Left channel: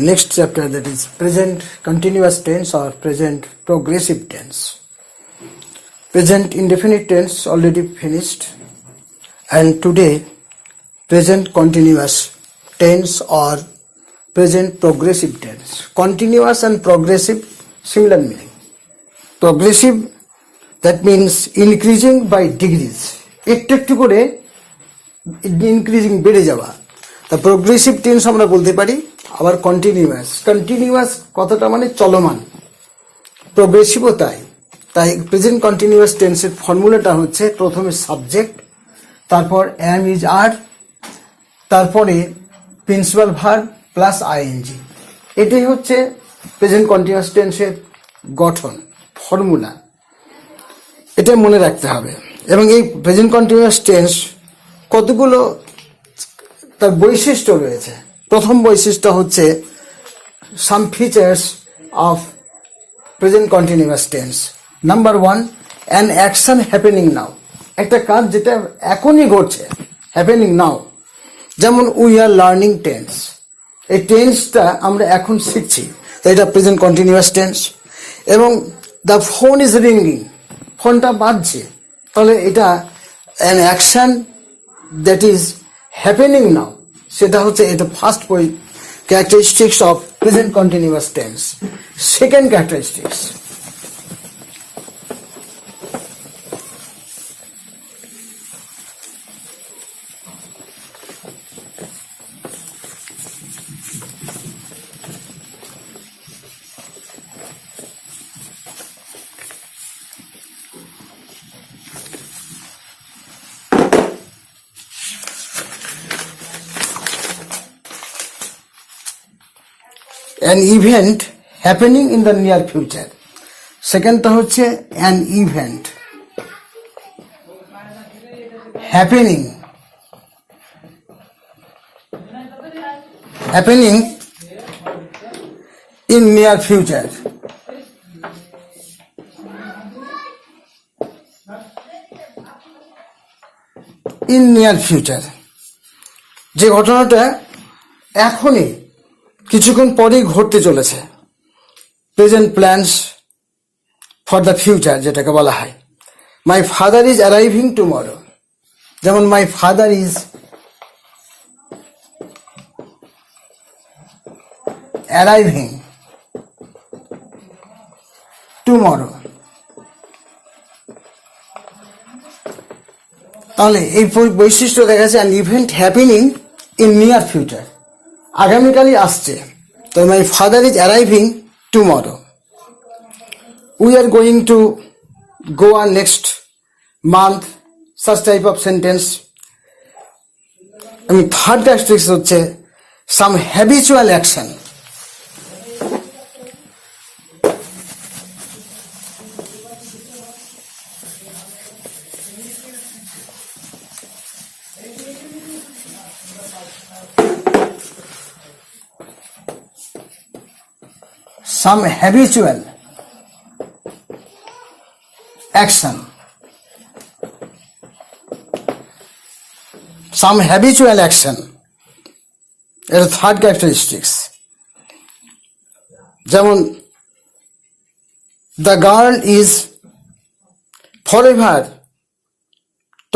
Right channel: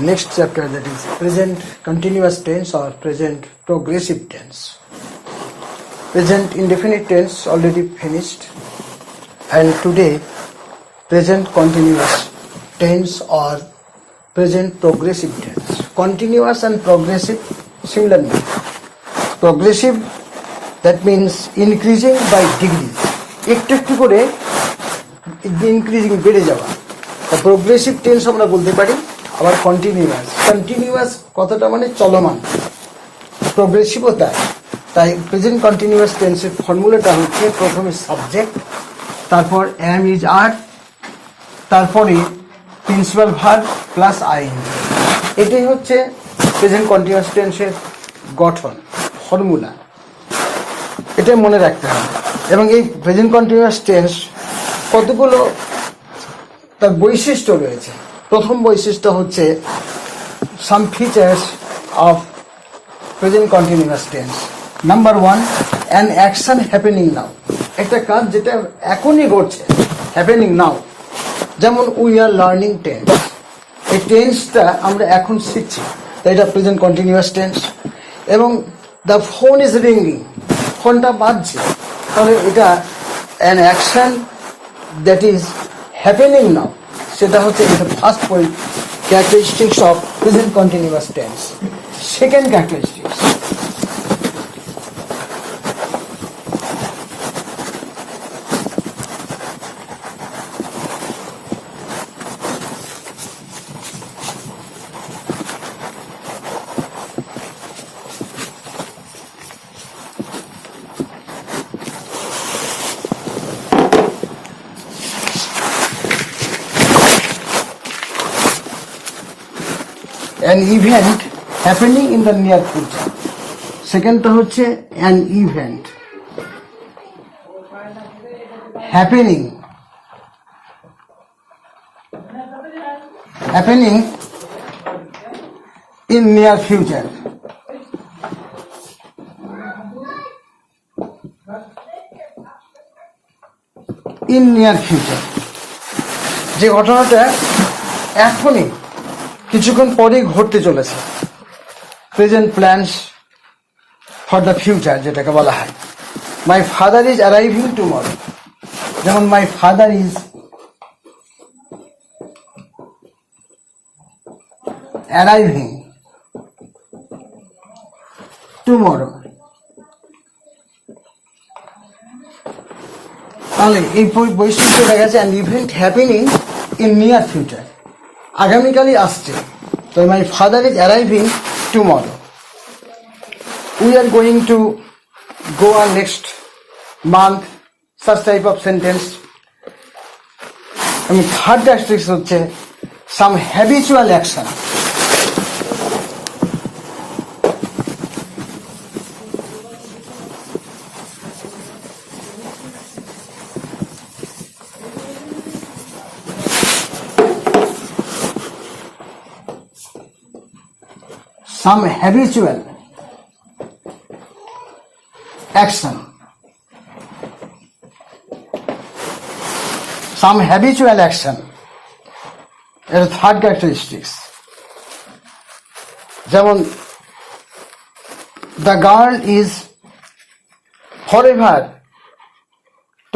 next chapter, that is present continuous tense or present progressive tense. Present indefinite tense already finished, and today present continuous tense or present progressive tense. Continuous and progressive similar meaning. Progressive, that means increasing by degrees. একটু একটু করে ইনক্রিজিং বেড়ে যাওয়া। তা progressive tense আমরা বলতে পারি। আবার কন্টিনিউয়াস, কন্টিনিউয়াস কতটা মানে চলমান, প্রোগ্রেসিভও তাই। তাই প্রেজেন্ট কন্টিনিউয়াস টেন্সের ফর্মুলাটা হচ্ছে প্রথমে সাবজেক্ট, তারপর অ্যাম ইজ আর, তারপরে প্রিন্সিপাল ভার্ব প্লাস আইএনজি। এটাই হচ্ছে প্রেজেন্ট কন্টিনিউয়াস টেন্সের গঠন, ফর্মুলা। এটা মনে রাখতে হবে। এবং এই প্রেজেন্ট কন্টিনিউয়াস টেন্স কতগুলো তার বৈশিষ্ট্য রয়েছে। প্রথম বৈশিষ্ট্য হচ্ছে some features of present continuous tense. Number one, an action happening now. একটা কাজ যেটা এখনই ঘটছে, হ্যাপেনিং নাও। যেমন উই আর লার্নিং টেন্স, এই টেন্সটা আমরা এখন শিখছি, তো এটা প্রেজেন্ট কন্টিনিউয়াস টেন্স। এবং দ্য ফোন ইজ রিঙ্গিং, ফোনটা বাজছে, তাহলে এটা an action that is happening নাও, সেটা হচ্ছে এটা first characteristics of present continuous tense. Second characteristics, an event happening in the near future. সেকেন্ডটা হচ্ছে an event happening in near future. in near future, যে ঘটনাটা এখনই কিছুক্ষণ পরেই ঘটতে চলেছে। Present plans for the future যেটাকে বলা হয়। My father is arriving tomorrow, যেমন my father is arriving tomorrow. তাহলে এই বৈশিষ্ট্য দেখা যাচ্ছে an event happening in near future, আগামীকালই আসছে। তো my father is arriving tomorrow. We are going to go on next month, such type of sentence. এবং থার্ড ক্যারেক্টারিস্টিক্স হচ্ছে some habitual action. Some habitual action. Some habitual action is third characteristics. যেমন the girl is forever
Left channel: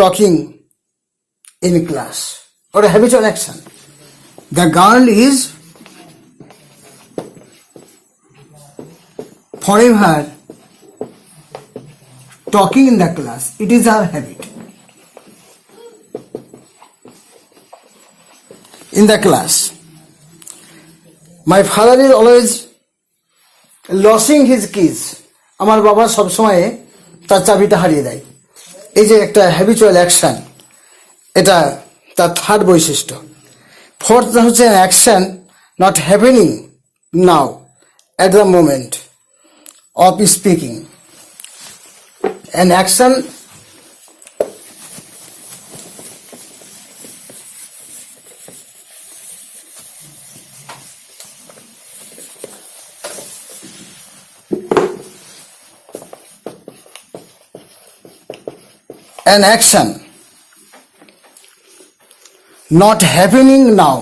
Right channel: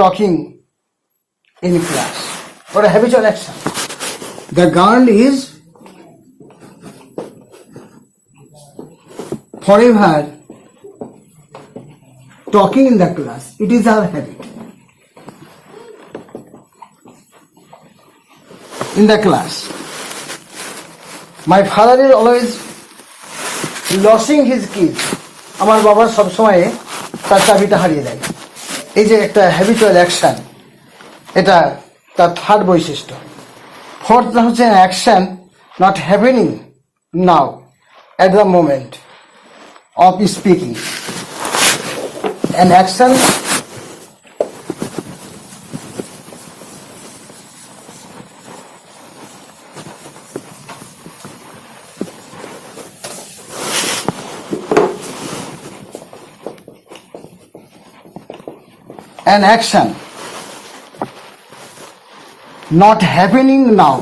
talking in class, or a habitual action. The girl is forever talking in the class. It is our habit. In the class. My father is always losing his keys. আমার বাবা সবসময় তার চাবিটা হারিয়ে দেয়। এই যে একটা হ্যাবিচুয়াল অ্যাকশন, এটা তার থার্ড বৈশিষ্ট্য। ফোর্থ হচ্ছে action not happening now at the moment of speaking. An action not happening now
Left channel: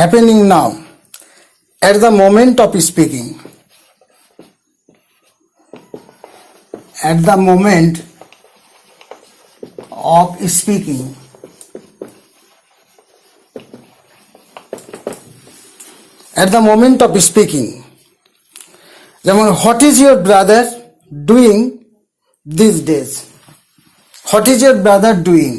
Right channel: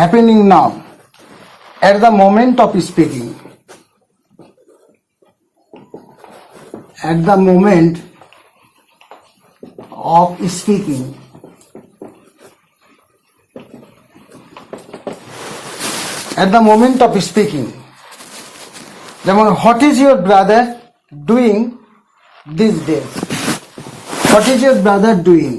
happening now, at the moment of speaking. At the moment of speaking. At the moment of speaking. যেমন what is your brother doing these days? What is your brother doing?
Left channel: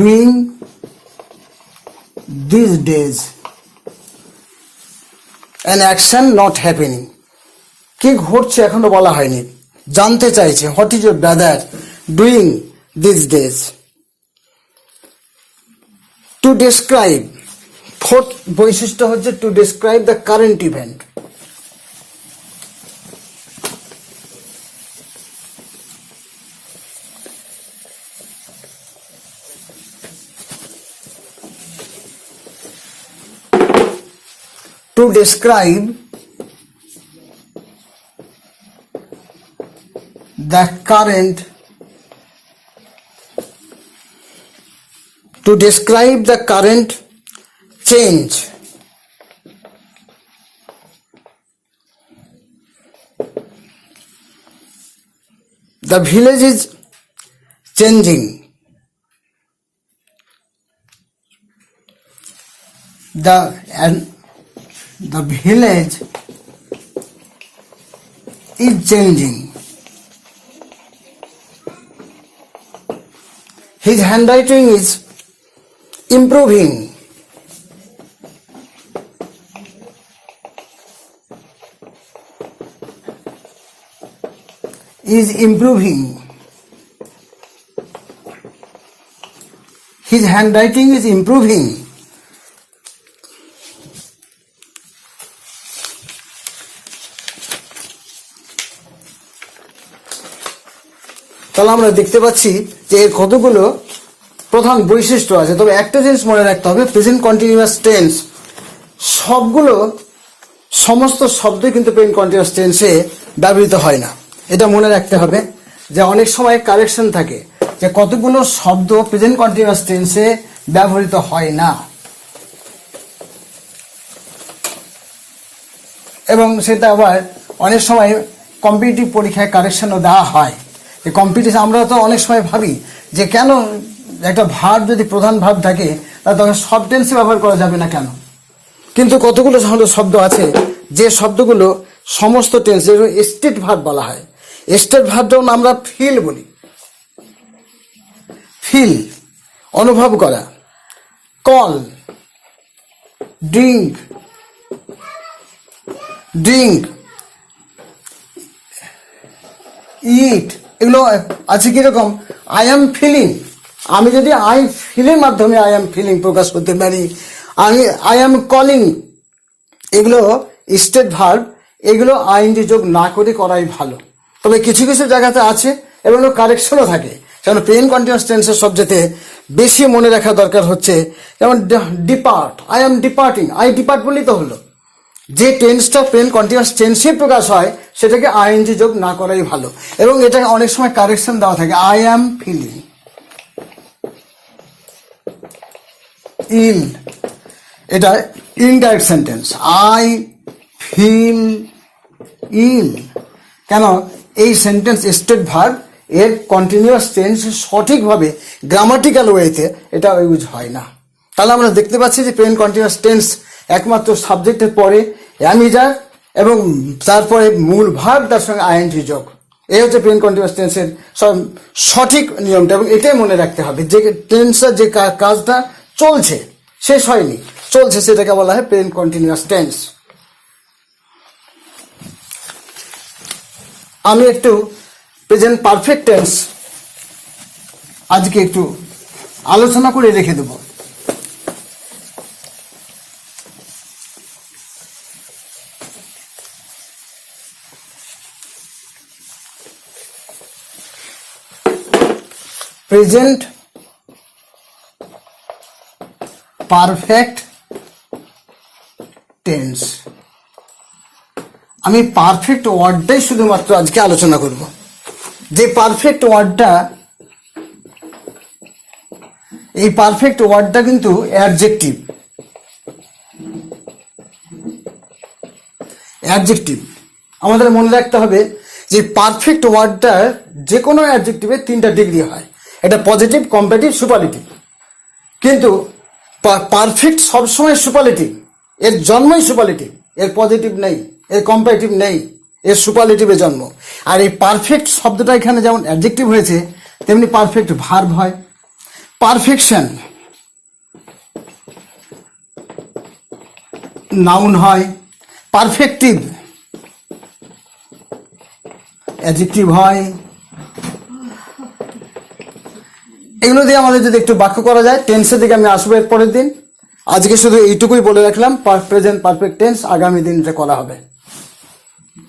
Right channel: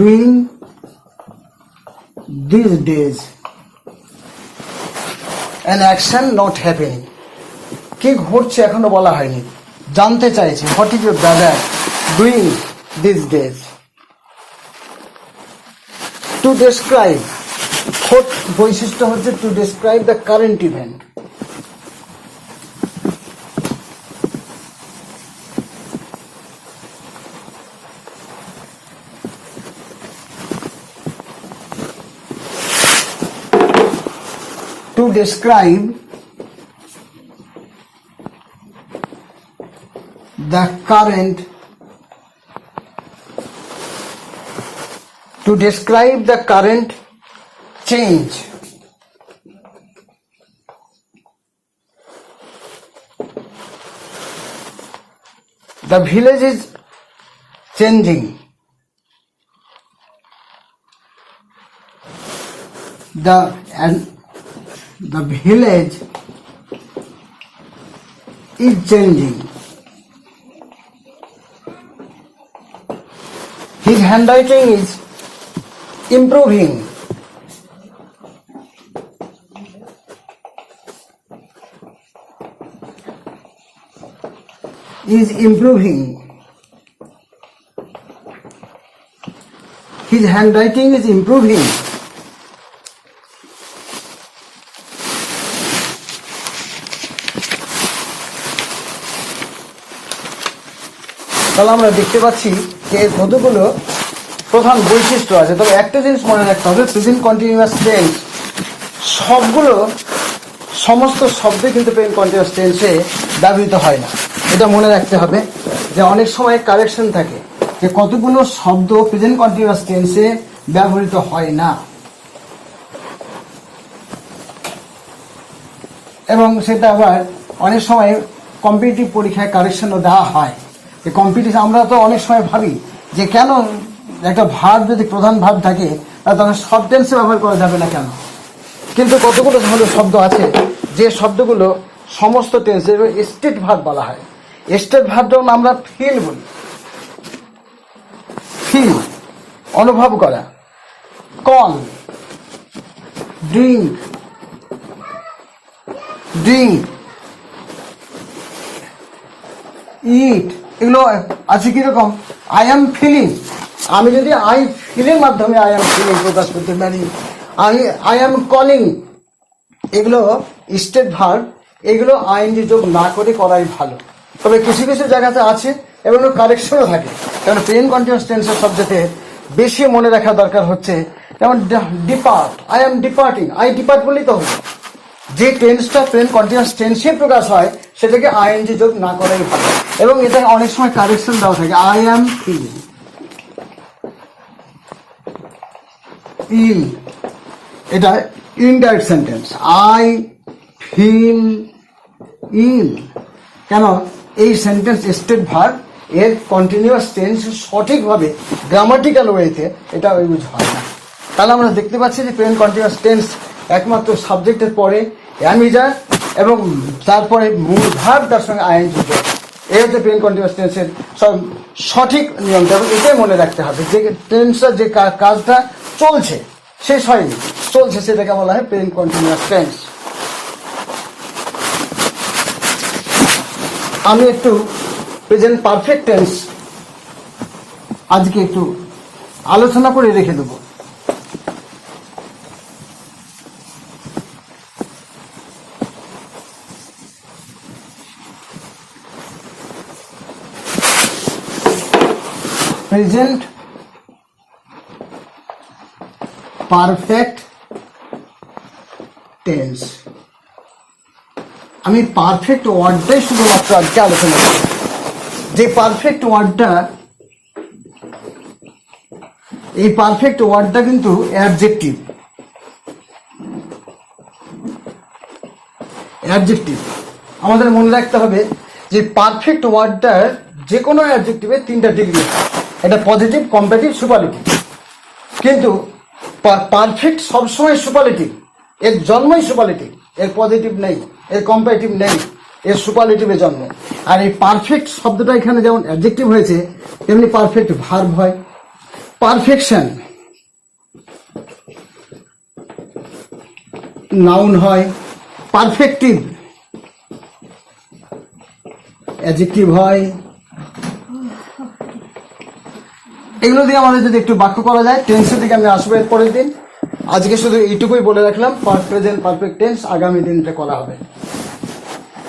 Doing these days. An action not happening. কি ঘটছে এখনো বলা হয়নি, জানতে চাইছে what is your brother doing these days. To describe, fourth বৈশিষ্ট্য হচ্ছে to describe the current event. To describe the current, to describe the current change. The village is changing. The village is changing. His handwriting is improving. Is improving. His handwriting is improving. তাহলে আমরা দেখতে পাচ্ছি যে এর কতগুলো প্রধান বৈশিষ্ট্য আছে। তবে একটা জিনিস মনে রাখতে হবে, প্রেজেন্ট কন্টিনিউয়াস টেন্স সবগুলো সমস্ত শব্দই কিন্তু প্রেজেন্ট কন্টিনিউয়াস টেন্সে ব্যবহৃত হয় না। এটা মনে রাখতে হবে যে অনেক সময় কারেকশন থাকে যে কতগুলো শব্দ প্রেজেন্ট কন্টিনিউয়াস টেন্সে ব্যবহৃত হয় না, এবং সেটা আবার অনেক সময় কম্পিটিটিভ পরীক্ষায় কারেকশনও দেওয়া হয়। এই কম্পিটিশন আমরা তো অনেক সময় ভাবি যে কেন একটা ভাব যদি প্রধান ভাব থাকে তখন সব টেন্সে ব্যবহার করা যাবে না কেন, কিন্তু কতগুলো শব্দ আছে যে শব্দগুলো সমস্ত টেন্সে, স্টেট ভার্ব বলা হয়। স্টেট ভার্ব যেমন আমরা ফিল বলি, ফিল অনুভব করা, কল, ড্রিঙ্ক, ড্রিঙ্ক, ইট, এগুলো আছে কিরকম, আই অ্যাম ফিলিং। আমি যদি আই ফিলের মাধ্যমে আই অ্যাম ফিলিং প্রকাশ করতে পারি, আমি আই অ্যাম কলিং, এগুলো স্টেট ভার্ব, এগুলো আইএনজি যোগ না করে করাই ভালো। তবে কিছু কিছু জায়গাতে আছে এবং কারেকশনও থাকে, যেমন প্রেজেন্ট কন্টিনিউয়াস টেন্সের সবচেয়ে বেশি মনে রাখা দরকার হচ্ছে যেমন depart, I am departing, I depart বললেই তো হলো। যে টেন্সটা প্রেজেন্ট কন্টিনিউয়াস টেন্সে প্রকাশ হয় সেটাকে আইএনজি যোগ না করাই ভালো, এবং এটা অনেক সময় কারেকশন দেওয়া থাকে, আই অ্যাম ফিলিং, ইল, এটা ইনডাইরেক্ট সেন্টেন্স, আই ফিল ইল। কেন এই সেন্টেন্স স্টেট ভার্ব এর কন্টিনিউয়াস টেন্স সঠিকভাবে গ্রামাটিক্যাল ওয়েতে এটা ইউজ হয় না। তাহলে আমরা দেখতে পাচ্ছি যে প্রেজেন্ট কন্টিনিউয়াস টেন্স একমাত্র সাবজেক্টের পরে অ্যামিজার এবং তারপরে মূল ভার্ব তার সঙ্গে আইএনজি যোগ, এই হচ্ছে প্রেজেন্ট কন্টিনিউয়াস টেন্সের সব সঠিক নিয়মটা, এবং এটাই মনে রাখতে হবে যে টেন্সটা যে কাজটা চলছে, শেষ হয়নি, চলছে, সেটাকে বলা হয় প্রেজেন্ট কন্টিনিউয়াস টেন্স। আমি একটু প্রেজেন্ট পারফেক্ট টেন্স আজকে একটু আলোচনা করে রেখে দেব। প্রেজেন্ট পারফেক্ট টেন্স আমি পারফেক্ট ওয়ার্ডটাই শুধুমাত্র আজকে আলোচনা করব। যে পারফেক্ট ওয়ার্ডটা, এই পারফেক্ট ওয়ার্ডটা কিন্তু অ্যাডজেক্টিভ। অ্যাডজেক্টিভ আমাদের মনে রাখতে হবে যে পারফেক্ট ওয়ার্ডটার যে কোনো অ্যাডজেক্টিভের 3টা ডিগ্রি, এটা পজিটিভ, কম্পারেটিভ, সুপারলেটিভ। কিন্তু পারফেক্ট সবসময় সুপারলেটিভ, এর জন্মই সুপারলেটিভ, এর পজিটিভ নেই, এর কম্পারেটিভ নেই, এর সুপারলেটিভের জন্ম। আর এই পারফেক্ট শব্দটা এখানে যেমন অ্যাডজেক্টিভ হয়েছে, তেমনি পারফেক্ট ভার্ব হয়। পারফেকশন নাউন হয়, পারফেক্টিভ অ্যাডজেক্টিভ হয়। এগুলো দিয়ে আমাদের যদি একটু বাক্য করা যায়, টেন্সের দিকে আমি আসবো এর পরের দিন। আজকে শুধু এইটুকুই বলে রাখলাম, প্রেজেন্ট পারফেক্ট টেন্স আগামী দিন এটা করা হবে।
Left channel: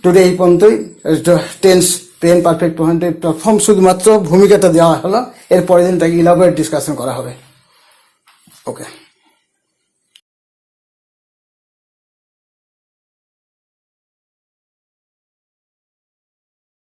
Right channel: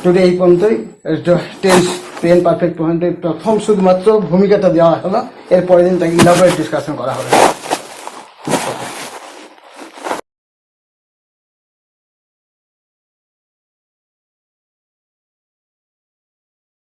টুডে এই পর্যন্তই। টেন্স প্রেজেন্ট পারফেক্ট প্রথম শুধুমাত্র ভূমিকাটা দেওয়া হলো, এর পরের দিন তাকে ইলাবোরেট ডিসকাশন করা হবে। ওকে।